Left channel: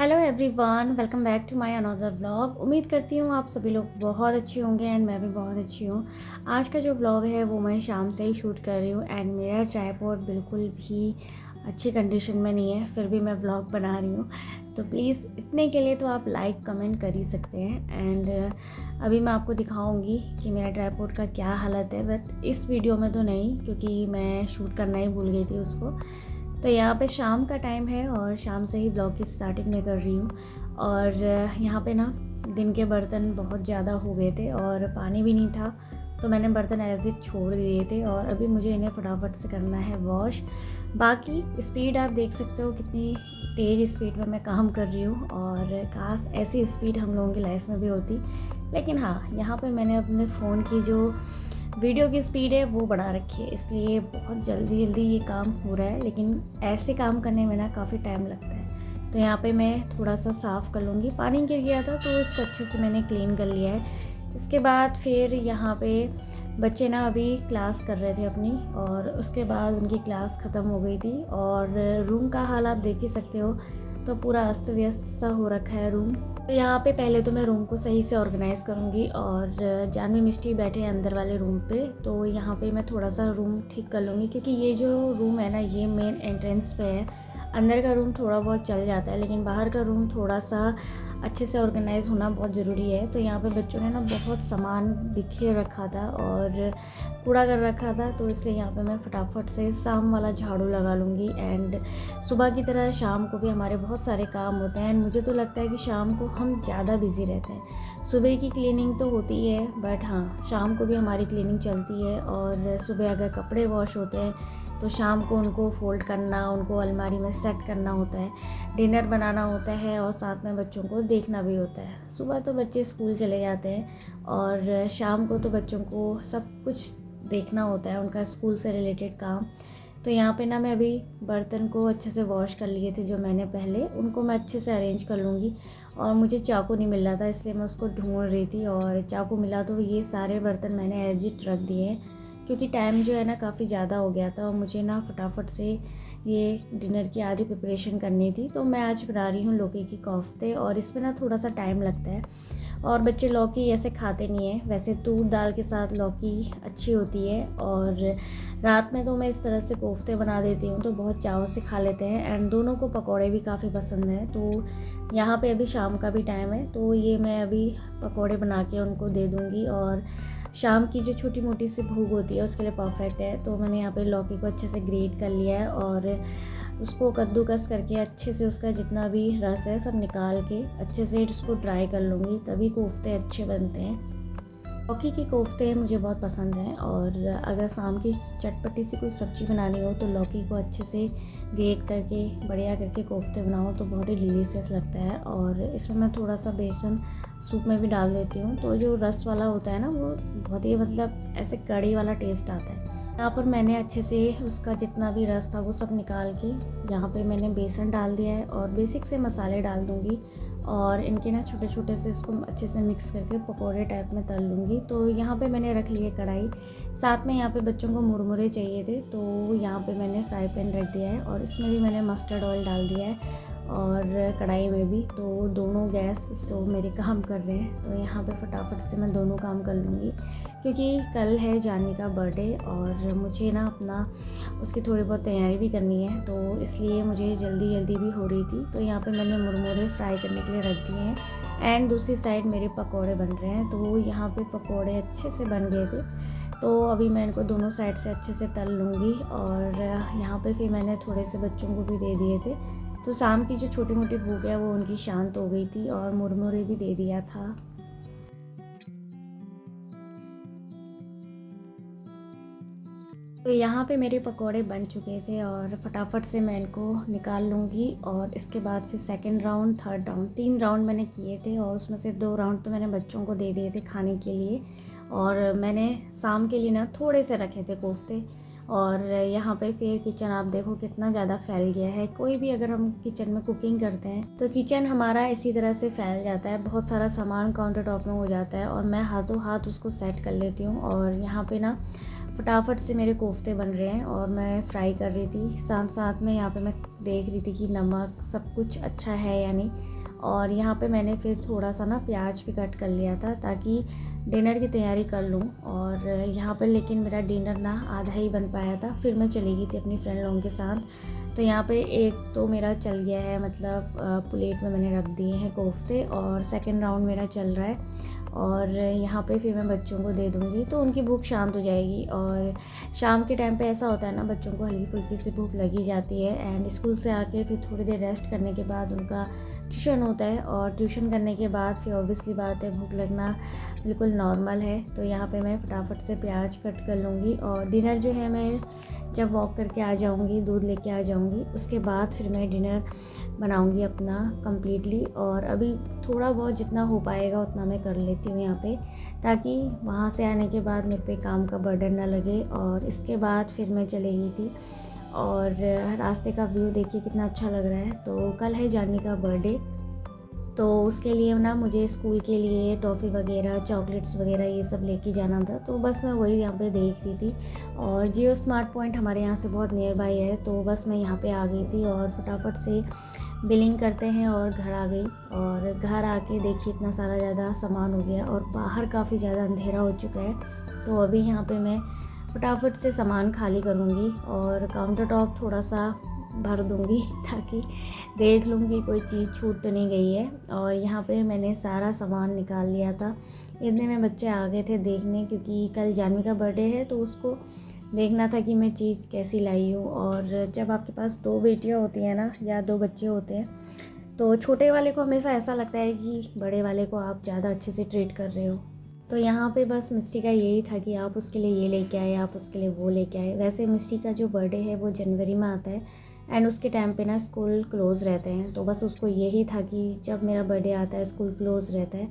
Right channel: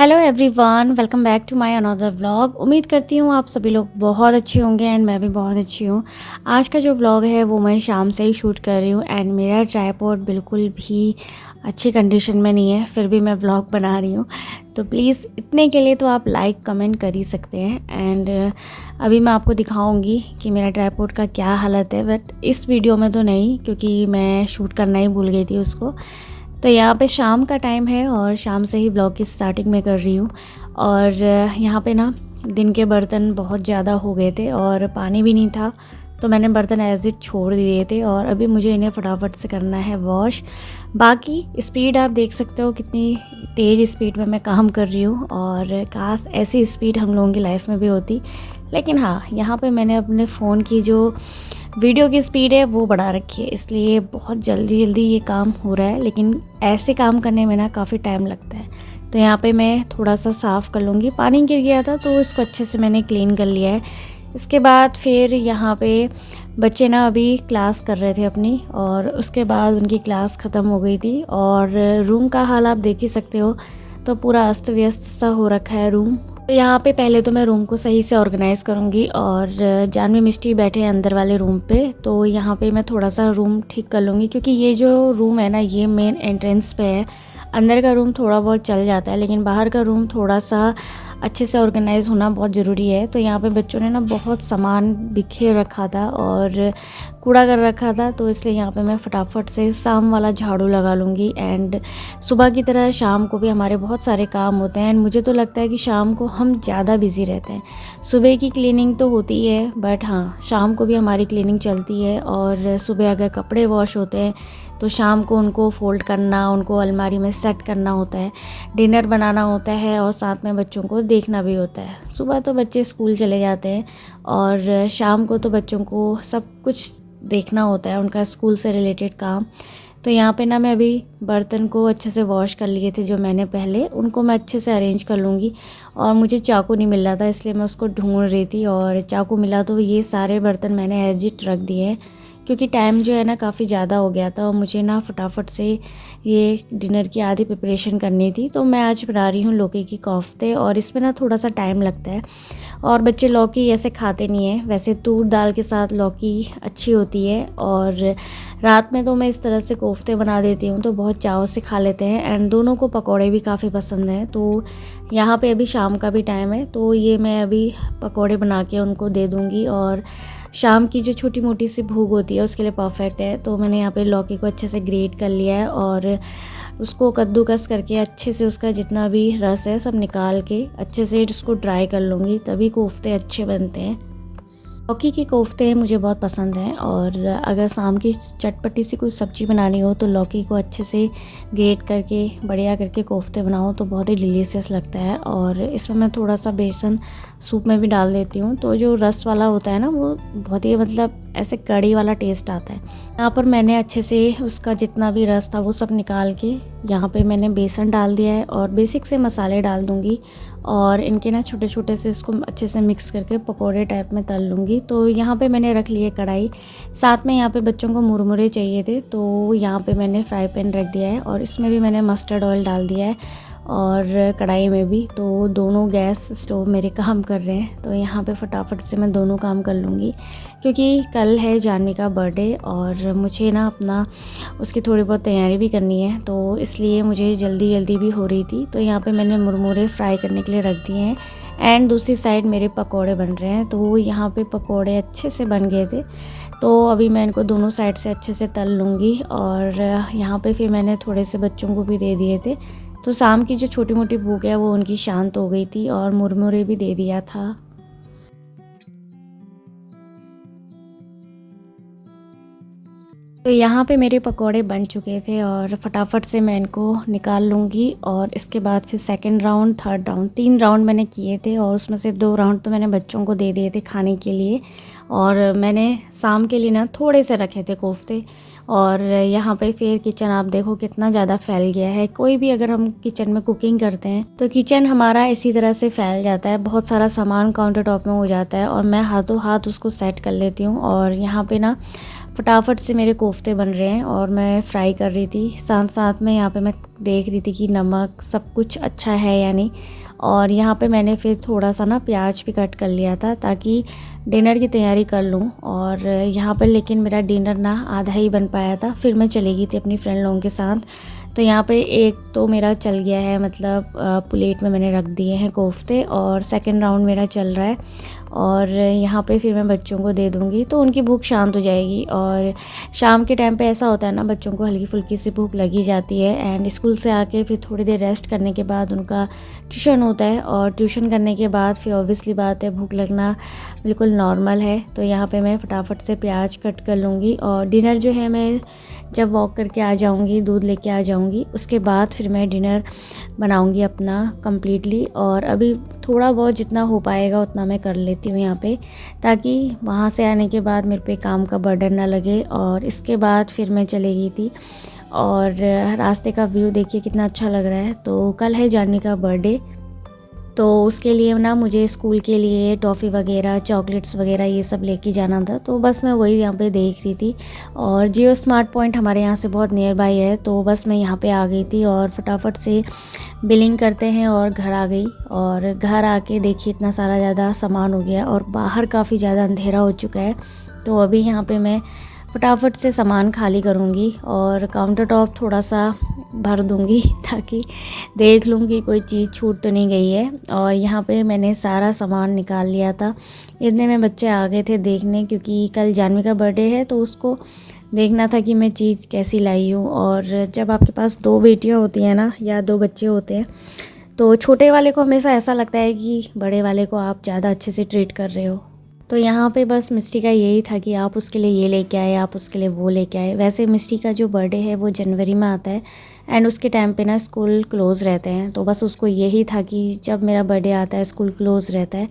Hello everyone, welcome back to my another vlog. उम्मीद करती हूँ आप सभी लोग बहुत अच्छे होंगे एंड मैं भी बहुत अच्छी हूँ। आज का जो व्लॉग है वो मैं शाम से ही शूट कर रही हूँ एंड मेरा ट्राइपॉड बिल्कुल भी अच्छी कंडीशन में नहीं है, फिर भी मैं व्लॉग बना रही हूँ। तो प्लीज़ इतने के लिए तो आप लाइक कमेंट कर ही सकते हैं। एंड अभी मैं आपको दिखाऊँगी कि मेरा ट्राइपॉड का क्या हालत है, बट इस वीडियो में तो नहीं क्योंकि मैं शूट करना ही भूल गई थी उसको। तो यहाँ पे शाम का टाइम है और शाम से ही ब्लॉग की स्टार्टिंग में कर रही हूँ। और यहाँ पे ना दिन के बर्तन बहुत ज़्यादा हो गए थे और पानी भी नहीं था, तो मैंने बर्तन एज इट छोड़ दिए थे और अभी मुझे इन्हें फटाफट से करना है वॉश। बाकी स्पीड आप देख सकते हो कितनी तेज़ स्पीड में मैं काम कर रही हूँ और काश ऐसी स्पीड हम लोगों की लाइफ में भी होती। लेकिन हाँ, यहाँ पे मैंने अपने फ़ोन की जो वीडियो की स्पीड है वो बढ़ा रखी है, इसलिए बहुत जल्दी जल्दी ये काम हो रहा है। लेकिन ऐसे काम करने में ना काफ़ी टाइम लगता है। तो यहाँ पे मैं थोड़ा सा साफ़ कर लूँगी। पानी गिर गया था तो उसको अच्छे से मैंने क्लीन कर लिया है। इसके बाद फिर यहाँ पे बच्चे ना अभी क्लास कर रहे थे अपनी, और उसके बाद उनकी क्लास ख़त्म हो गई थी। और रूम का हाल आप देख ही सकते हो, तो पूरा अस्त व्यस्त सा हो रखा है रूम। तो यहाँ पे पहले तो मैं रूम को सही से ऑर्गेनाइज़ करूँगी। और जानवी मिष्टी बैठे हैं अंदर वाले रूम पे, तो यहाँ पे मैं थोड़ा सा रूम ठीक कर लूँगी क्योंकि ये जो रूम है ना ये मेन एंट्रेंस पे है। अंदर का रूम थोड़ा बहुत चल जाता है, लेकिन बाहर का रूम थोड़ा सा अच्छे से ऑर्गेनाइज़ होना बहुत ज़रूरी है। तो यहाँ पे बच्चों ने ना बहुत सामान बिखेर रखा था और कूड़ा कर रखा था, तो इसलिए यहाँ पे मैं फटाफट से शाम वाला झाड़ू लगा लूँगी। एंड सुबह की तरह शाम को भी हमारे बहुत सारे काम होते हैं एंड मुझे तो लगता है कि शाम को हम ज़्यादा बिज़ी रहते हैं। सुबह की क्लीनिंग तो होती ही है, बट हाँ शाम को भी हमारी क्लीनिंग चलती है। और सुबह अगर कपड़े वॉश होते हैं तो शाम को उनको फ़ोल्ड करना, उनको अलमारी में सेट करना होता है, डिनर बनाना होता है और साथ में बच्चों को देखना भी होता है। सुबह तो बच्चे स्कूल चले जाते हैं और शाम को तो बच्चों को सब कुछ देखना होता है, उनका स्कूल से रिलेटेड काम। तो यहाँ पे ना मैं अभी बर्तन को अच्छे से वॉश कर लिए थे जो मैंने पहले, उनको मैं अच्छे से अरेंज कर लूँगी। और मुझे चाकू नहीं मिल रहा था इसलिए मैं उसको ढूंढ रही थी, और चाकू मिला तो ये सारे बर्तन मैंने एज इट रख दिए हैं क्योंकि टाइम जो है ना काफ़ी ज़्यादा हो गया था और मुझे ना फटाफट से ये डिनर की आधी प्रिपरेशन करनी थी। तो मैं आज बना रही हूँ लौकी की कोफ्ते और इसमें ना थोड़ा सा टाइम लगता है और बच्चे लौकी ऐसे खाते नहीं हैं। वैसे तूर दाल के साथ लौकी अच्छी होती है और रात में तो मैं इस तरह से कोफ्ते बना देती हूँ तो बहुत चाव से खा लेते हैं। एंड दोनों को पकौड़े भी काफ़ी पसंद हैं। तो यहाँ पे अभी शाम का भी टाइम है तो ये मैं अभी पकौड़े बना के उनको दे दूँगी। और शाम की जो छोटी मोटी सी भूख होती है उसके लिए परफेक्ट है। तो मैंने यहाँ पे लौकी को अच्छे से ग्रेट कर लिया है और उसको कद्दूकस करके अच्छे से उसका जितना भी रस है सब निकाल के अच्छे से इसको ड्राई कर लूँगी, तभी कोफ्ते अच्छे बनते हैं। लौकी के कोफ्ते मुझे बहुत पसंद हैं और अगर शाम की चटपटी सी कोई सब्ज़ी बनानी हो तो लौकी को अच्छे से ग्रेट करके बढ़िया करके कोफ्ते बनाओ तो बहुत ही डिलीशियस लगता है। और इसमें मैं थोड़ा सा बेसन सूप में भी डाल देती हूँ, तो जो रस वाला होता है ना वो बहुत ही मतलब ऐसे कड़ी वाला टेस्ट आता है। यहाँ पर मैंने अच्छे से उसका जितना भी रस था वो सब निकाल के यहाँ पर मैंने बेसन डाल दिया है और बेसिक से मसाले डाल दूँगी और इनके ना छोटे छोटे से इसको अच्छे से मिक्स करके पकोड़े टाइप में तल लूँगी। तो यहाँ पे मैंने रख लिए कढ़ाई, साथ में यहाँ पे बच्चों को मुरमुरे चाहिए थे तो यहाँ पे मैंने फ्राई पैन रख दिया है और इसमें भी मैंने मस्टर्ड ऑयल डाल दिया है और कढ़ाई में भी। तो दोनों गैस स्टोव मेरे काम कर रहे हैं, तो यहाँ पे फटाफट से मैं दोनों काम कर लूँगी क्योंकि कल है जानवी का बर्थडे और मुझे ना अपना उसकी थोड़ी बहुत तैयारी भी करनी है, तो इसलिए मुझे जल्दी जल्दी भी हो रही थी। तो यहाँ पे मैंने मुरमुरे फ्राई करने के लिए रख दिए हैं एंड दूसरी साइड मेरे पकोड़े बन रहे हैं। तो यहाँ पे पकोड़े अच्छे से बन गए थे, तो अभी मैं इनको दोनों साइड से अच्छे से तल लूँगी। और यहाँ पे फिर मैंने थोड़े से बच्चों को भी दे दिए थे, तो शाम की जो छोटी मोटी भूख है वो उनकी शांत हो गई थी और मुरमुरे भी दे दिया था। तो यहाँ पे मेरे पकोड़े बन चुके थे और फटाफट से मैं इनको निकाल लूँगी। और इसके बाद फिर second round, third round, 3 round मैंने किए थे और उसमें से 2 राउंड तो मैंने बच्चों को दे दिए थे खाने के लिए और मैंने शाम के लिए ना थोड़े से रखे थे कोफ्ते। और यहाँ पे फिर किचन आप देखो कितना ज़्यादा फैल गया है। कोई भी अगर हम किचन में कुकिंग करते हैं तो किचन हमारा इसी तरह से फैल जाता है, बहुत सारा सामान काउंटर टॉप में हो जाता है और मैं हाथों हाथ उसको सेट कर लेती हूँ। और यहाँ पे ना फटाफट से मेरे कोफ्ते बन रहे हैं और मैं फ्राई कर रही थी। साथ साथ में यहाँ पे मैं देख रही थी कि नमक सब कुछ अच्छा है या नहीं। और यहाँ पे मैंने फिर थोड़ा सा ना प्याज भी कट कर लिया था ताकि डिनर की तैयारी कर लूँ। और यहाँ पर लेकिन मेरा डिनर ना आधा ही बन पाया था, फिर मैं चली गई थी अपनी फ्रेंड लोगों के साथ। तो यहाँ पे एक तो मेरा चल गया है, मतलब प्लेट में मैंने रख दिए हैं कोफ्ते, और सेकंड राउंड मेरा चल रहा है। और यहाँ पे फिर मैं बच्चों को दे दूँगी तो उनकी भूख शांत हो जाएगी। और शाम के टाइम पे ऐसा होता है ना, बच्चों को हल्की फुल्की सी भूख लगी जाती है। एंड स्कूल से आके फिर थोड़ी देर रेस्ट करने के बाद उनका ट्यूशन होता है, और ट्यूशन करने के बाद फिर ऑब्वियसली बात है, भूख लगना बिल्कुल नॉर्मल है। तो यहाँ पे मैं फटाफट से प्याज कट कर लूँगी, और डिनर जो है मैं जब वॉक करके आ जाऊँगी, दूध लेके आ जाऊँगी, उसके बाद फिर मैं डिनर बनाऊँगी अपना कम्प्लीटली। और अभी थोड़ा बहुत जितना हो पाएगा उतना मैं कर लेती हूँ यहाँ पे, ताकि वहाँ से आने के बाद मेरे पे काम का बर्डन ना लगे। और इसके बाद फिर मैं चली गई थी, और रास्ते का व्यू देखिए कितना अच्छा लग रहा है। तो कल है जानवी का बर्थडे, तो उसके लिए ना मुझे स्कूल के लिए टॉफ़ी वगैरह, चॉकलेट्स वगैरह ये सब लेके जाना था। तो बस मैं वही यहाँ पे देख रही थी, और जियो स्मार्ट पॉइंट हमारे यहाँ से बहुत नियर बाई है, तो बस मैं यहाँ पे आ गई थी और फटाफट से बिलिंग करते हैं और घर आ गई। और घर आके देखिए इतना सारा ज़्यादा सामान हो गया, और बाहर काफ़ी ज़्यादा अंधेरा हो चुका है। तो अभी यहाँ पे मैं फटाफट से सामान खाली करूँगी और काउंटर टॉप थोड़ा सा भर दूँगी, ताकि देख लूँ कि कोई चीज़ छूट तो नहीं गई है। और यहाँ पे मैंने सारा सामान निकाल लिया था। इतने में बच्चे आ गए थे देखने, क्योंकि कल जानवी का बर्थडे है, तो उसको देखना था कि मैं चीज़ कैसी लाई हूँ। और जब आपके पास 2 बेटियाँ होती हैं ना, या 2 बच्चे होते हैं, तो छोटे वाले को हमेशा ऐसा लगता है कि बड़े वाले को आप ज़्यादा अच्छे से ट्रीट कर रहे हो। तो यहाँ पे बस मिस्टी का यही था कि आप उसके लिए ये लेके आए, आप उसके लिए वो लेके आए। वैसे मिस्टी का जो बर्थडे है वो जनवरी में आता है, एंड उसके टाइम पे ना स्कूल क्लोज़ रहते हैं। तो बस उसको यही था कि जब मेरा बर्थडे आता है, स्कूल क्लोज़ रहता है,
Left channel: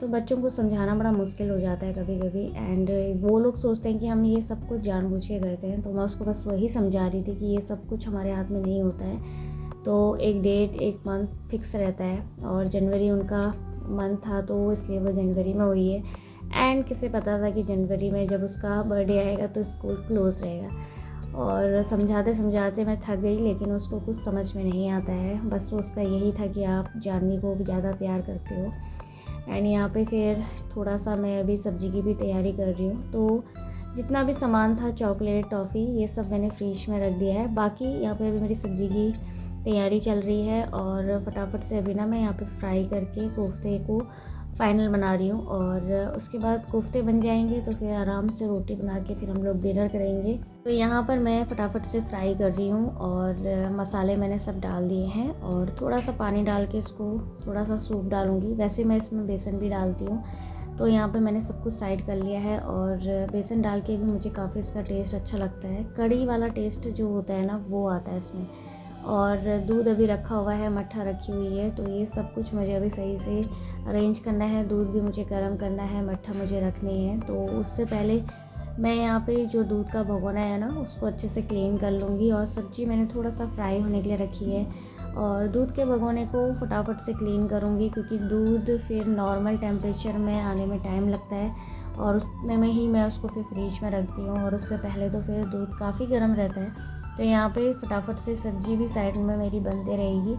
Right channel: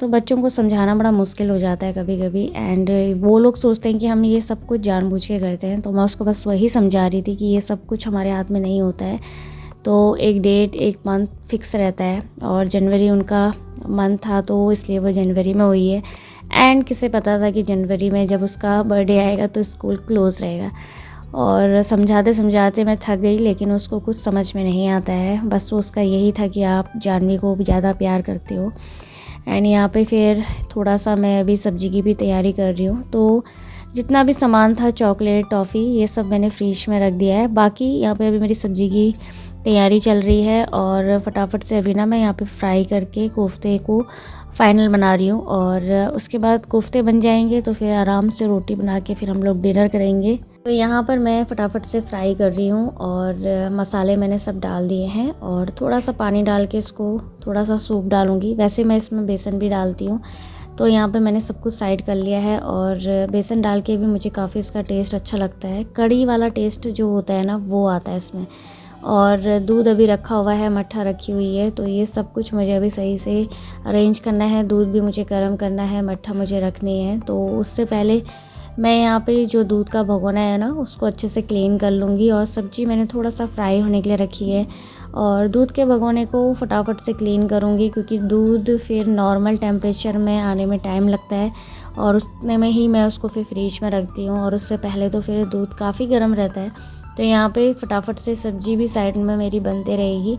तो बच्चों को समझाना बड़ा मुश्किल हो जाता है कभी कभी। एंड वो लोग सोचते हैं कि हम ये सब कुछ जानबूझ के करते हैं। तो मैं उसको बस वही समझा रही थी कि ये सब कुछ हमारे हाथ में नहीं होता है। तो एक डेट, एक मंथ फिक्स रहता है, और जनवरी उनका मंथ था, तो इसलिए वो जनवरी में हुई है। एंड किसे पता था कि जनवरी में जब उसका बर्थडे आएगा तो स्कूल क्लोज़ रहेगा। और समझाते समझाते मैं थक गई, लेकिन उसको कुछ समझ में नहीं आता है। बस उसका यही था कि आप जानवी को ज़्यादा प्यार करते हो। एंड यहाँ पे फिर थोड़ा सा मैं अभी सब्ज़ी की भी तैयारी कर रही हूँ। तो जितना भी सामान था, चॉकलेट, टॉफ़ी, ये सब मैंने फ्रिज में रख दिया है। बाकी यहाँ पे अभी मेरी सब्ज़ी की तैयारी चल रही है, और फटाफट से अभी ना मैं यहाँ पे फ्राई करके कोफ्ते को फ़ाइनल बना रही हूँ। और उसके बाद कोफ्ते बन जाएंगे तो फिर आराम से रोटी बना के फिर हम लोग डिनर करेंगे। तो यहाँ पर मैं फटाफट से फ्राई कर रही हूँ, और मसाले मैंने सब डाल दिए हैं, और थोड़ा सा पानी डाल के इसको थोड़ा सा सूप डालूँगी। वैसे मैं इसमें बेसन भी डालती हूँ। तो यहाँ पे मैंने सब कुछ साइड कर लिया है, और बेसन डाल के भी मुझे काफ़ी इसका टेस्ट अच्छा लगता है। कड़ी वाला टेस्ट जो होता है ना, वो आता है इसमें। और दूध अभी रखा हुआ है, मट्ठा रखी हुई है, तो ये सब कुछ मुझे अभी सही से अरेंज करना है। दूध भी मुझे गर्म करना है, मट्ठा मुझे रखनी है। तो उससे पहले मैं यहाँ पे जो दूध का भगोना है ना, उसको अच्छे से क्लीन कर लूँगी। और सब्ज़ी मैंने थोड़ा सा फ्राई होने के लिए रखी है, और दूध के भगोने को फटाफट से क्लीन करूँगी, क्योंकि दूध फिर नॉर्मल टेम्परेचर में आने में टाइम लगता है, और उतने में ही मैं उसको फिर फ्रिज में रखती हूँ। और उससे पहले तो फिर दूध काफ़ी गर्म रहता है। तो यहाँ पे फटाफट से सब्ज़ी भी साइड में मेरी बनते रहेगी।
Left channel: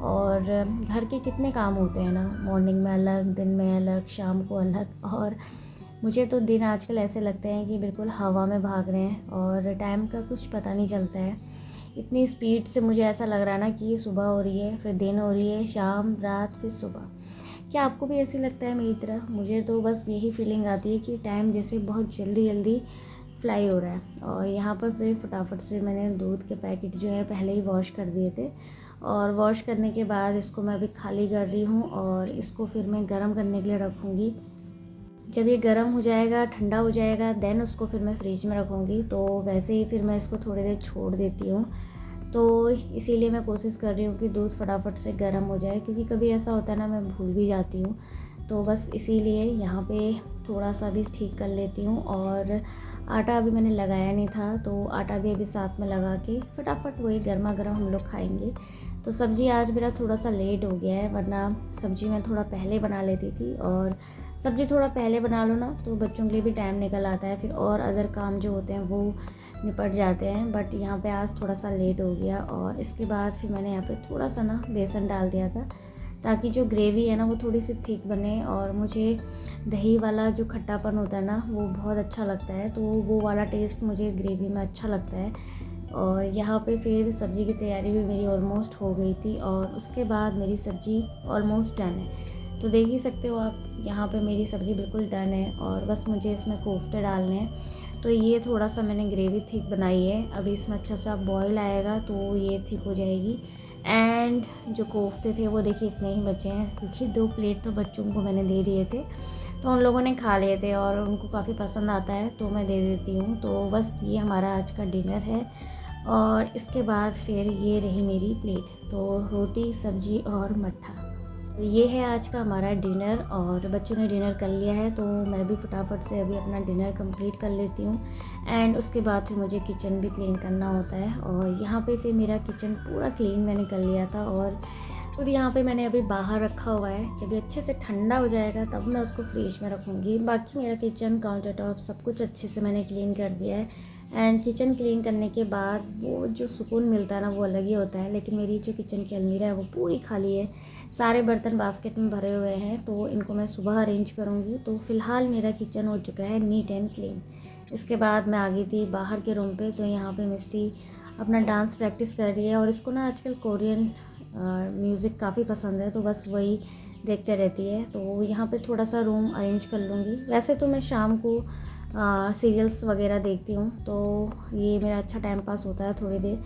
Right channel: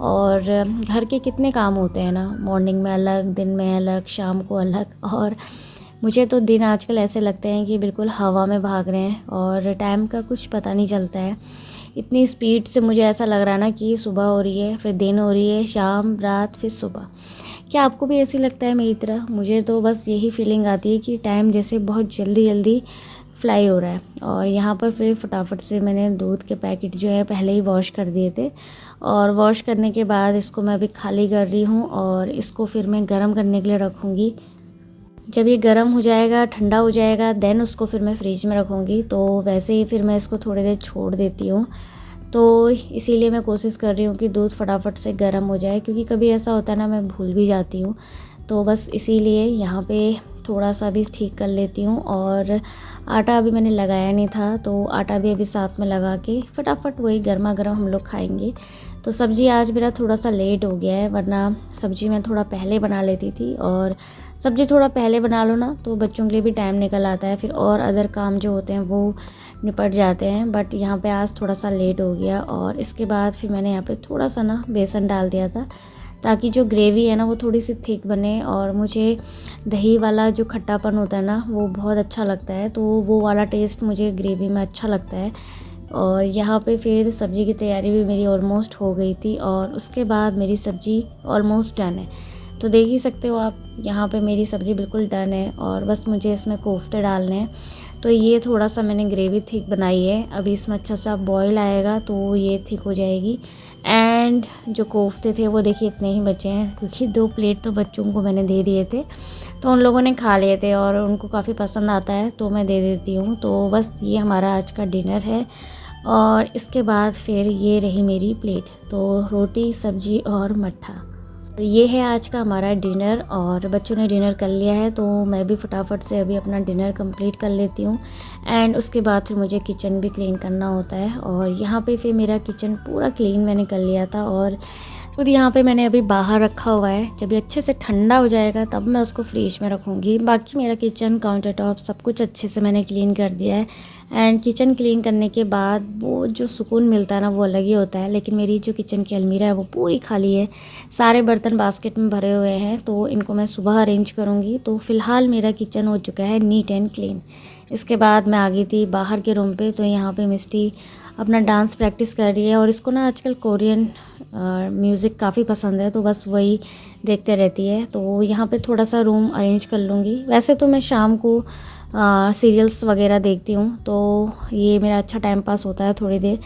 और घर के कितने काम होते हैं ना, मॉर्निंग में अलग, दिन में अलग, शाम को अलग। और मुझे तो दिन आजकल ऐसे लगते हैं कि बिल्कुल हवा में भाग रहे हैं, और टाइम का कुछ पता नहीं चलता है। इतनी स्पीड से मुझे ऐसा लग रहा है ना कि सुबह हो रही है, फिर दिन हो रही है, शाम, रात, फिर सुबह। क्या आपको भी ऐसी लगता है मेरी तरह? मुझे तो बस यही फीलिंग आती है कि टाइम जैसे बहुत जल्दी जल्दी फ्लाई हो रहा है। और यहाँ पर फिर फटाफट से मैंने दूध के पैकेट जो है पहले ही वॉश कर दिए थे, और वॉश करने के बाद इसको मैं अभी खाली कर रही हूँ, और इसको फिर मैं गर्म करने के लिए रखूँगी। जब ये गर्म हो जाएगा, ठंडा हो जाएगा, देन उसको फिर मैं फ्रिज में रखूँगी। तो वैसे ही फिर मैं इसको थोड़ी देर छोड़ देती हूँ। तो इसीलिए मैं कोशिश कर रही हूँ कि दूध फटाफट से गर्म हो जाए, क्योंकि कभी ऐसा होता है ना, मैं भूल भी जाती हूँ। तो बस इसीलिए यहाँ पे थोड़ा सा भी ठीक कर लेती हूँ। और आटा अभी मैंने लगाया नहीं था, तो आटा भी अभी साथ में लगा के फटाफट वही गर्मा गर्म हम लोग खाएंगे। तो सब्ज़ी आज मेरा थोड़ा सा लेट हो गया है, वरना सब्ज़ी मैं थोड़ा पहले बना लेती थी। और सब्ज़ी थोड़ा पहले बना लो ना तो बच्चों के लिए भी टाइम निकल आता है, फिर और अदर काम जो होते हैं वो निपट जाते हैं। बट यहाँ पे आज थोड़ा सा लेट हो गया। और इसके बाद फिर मैंने यहाँ पे थोड़ा सा ना बेसन डाल दिया था, ताकि जो ग्रेवी है ना वो थोड़ी सी थिक बने। और मुझे दही वाला जो खट्टापन होता है ना वो बहुत अच्छा लगता है, तो वो वाला टेस्ट मुझे ग्रेवी में अच्छा लगता है। और यहाँ पे फिर सब्ज़ी की तैयारी भी मेरी ऑलमोस्ट हो गई थी, और उसके बाद मेरी सब्ज़ी ऑलमोस्ट डन है। तो देख ही सकते हो आप, यहाँ पे मेरी सब्ज़ी बिल्कुल डन है और बस मुझे इसमें कोफ्ते डालने हैं। तो ये थोड़ा सा मैंने ग्रेवी थिक बनाई है, अभी इसमें अच्छा सा बॉईल आएगा तो ये थिक हो जाएगी। एंड जो कोफ्ते थे वो देखिए इतने ही बचे हैं, क्योंकि 2 प्लेट तो बच्चों को मैंने दे दिए थे, तो उन लोगों ने खा लिए थे और उनको काफ़ी पसंद आता है तो मैं दे देती हूँ। तो बस ये हमारा आज का डिनर है। और इसके बाद फिर ये रही मेरी प्लेट, तो रोटी, सब्ज़ी और मट्ठा। तो ये है आज का हमारा डिनर, और बच्चों ने डिनर कर लिया है तो मैं भी फटाफट से अभी अपना डिनर कंप्लीट कर लेती हूँ। एंड उसके बाद फिर मुझे किचन भी क्लीन करना होता है, और यहाँ पे फिर मेरा किचन पूरा क्लीन मैंने कर लिया था। और खुद यहाँ पे मैंने अभी बाहर रखा हुआ है, जब ये अच्छे से ठंडा हो जाएगा तब मैं उसको फ्रिज में रखूँगी। बाकी मेरा किचन, काउंटर टॉप सब कुछ अच्छे से मैंने क्लीन कर दिया है। एंड किचन क्लीन करने के बाद वो जो सुकून मिलता है ना वो अलग ही होता है। लेकिन मेरी जो किचन की अलमीरा है वो पूरी खाली है, सारे बर्तन बास्केट में भरे हुए हैं, तो इनको मैं सुबह अरेंज करूँगी। तो फ़िलहाल मेरा किचन हो चुका है नीट एंड क्लीन। इसके बाद मैं आ गई थी बाहर के रूम पे, तो यहाँ पे मिस्टी अपना डांस प्रैक्टिस कर रही है, और इसको ना आजकल कोरियन म्यूज़िक काफ़ी पसंद है, तो बस वही देखते रहती है। तो यहाँ पे थोड़ा सा रूम अरेंज कर लूँगी। वैसे तो मैं शाम को सीरियल्स वगैरह देखती हूँ, तो ये मेरा अच्छा टाइम पास होता है थोड़ी देर।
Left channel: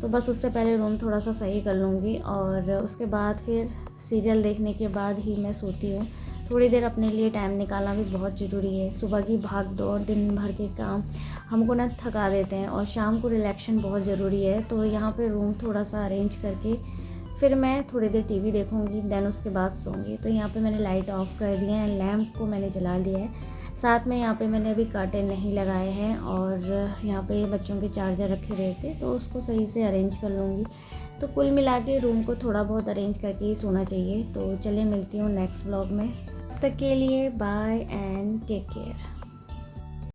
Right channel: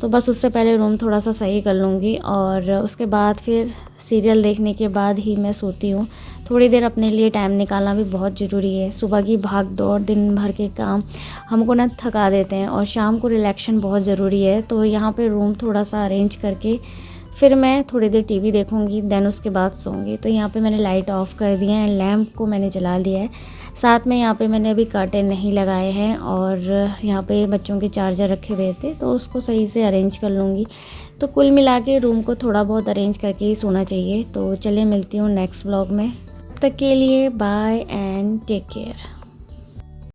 तो बस उससे पहले रूम थोड़ा सा सही कर लूँगी, और उसके बाद फिर सीरियल देखने के बाद ही मैं सोती हूँ। थोड़ी देर अपने लिए टाइम निकालना भी बहुत ज़रूरी है। सुबह की भाग दौड़, दिन भर के काम हमको ना थका देते हैं, और शाम को रिलैक्शन बहुत ज़रूरी है। तो यहाँ पे रूम थोड़ा सा अरेंज करके फिर मैं थोड़ी देर टीवी देखूँगी, देन उसके बाद सोऊंगी। तो यहाँ पे मैंने लाइट ऑफ़ कर दिया है, लैम्प को मैंने जला दिया है। साथ में यहाँ पे मैंने अभी कर्टेन नहीं लगाए हैं, और यहाँ पे बच्चों के चार्जर रखे हुए थे तो उसको सही से अरेंज कर लूँगी। तो कुल मिला के रूम को थोड़ा बहुत अरेंज करके ही सोना चाहिए। तो चलिए मिलती हूँ नेक्स्ट व्लॉग में, तब तक के लिए बाय एंड टेक केयर।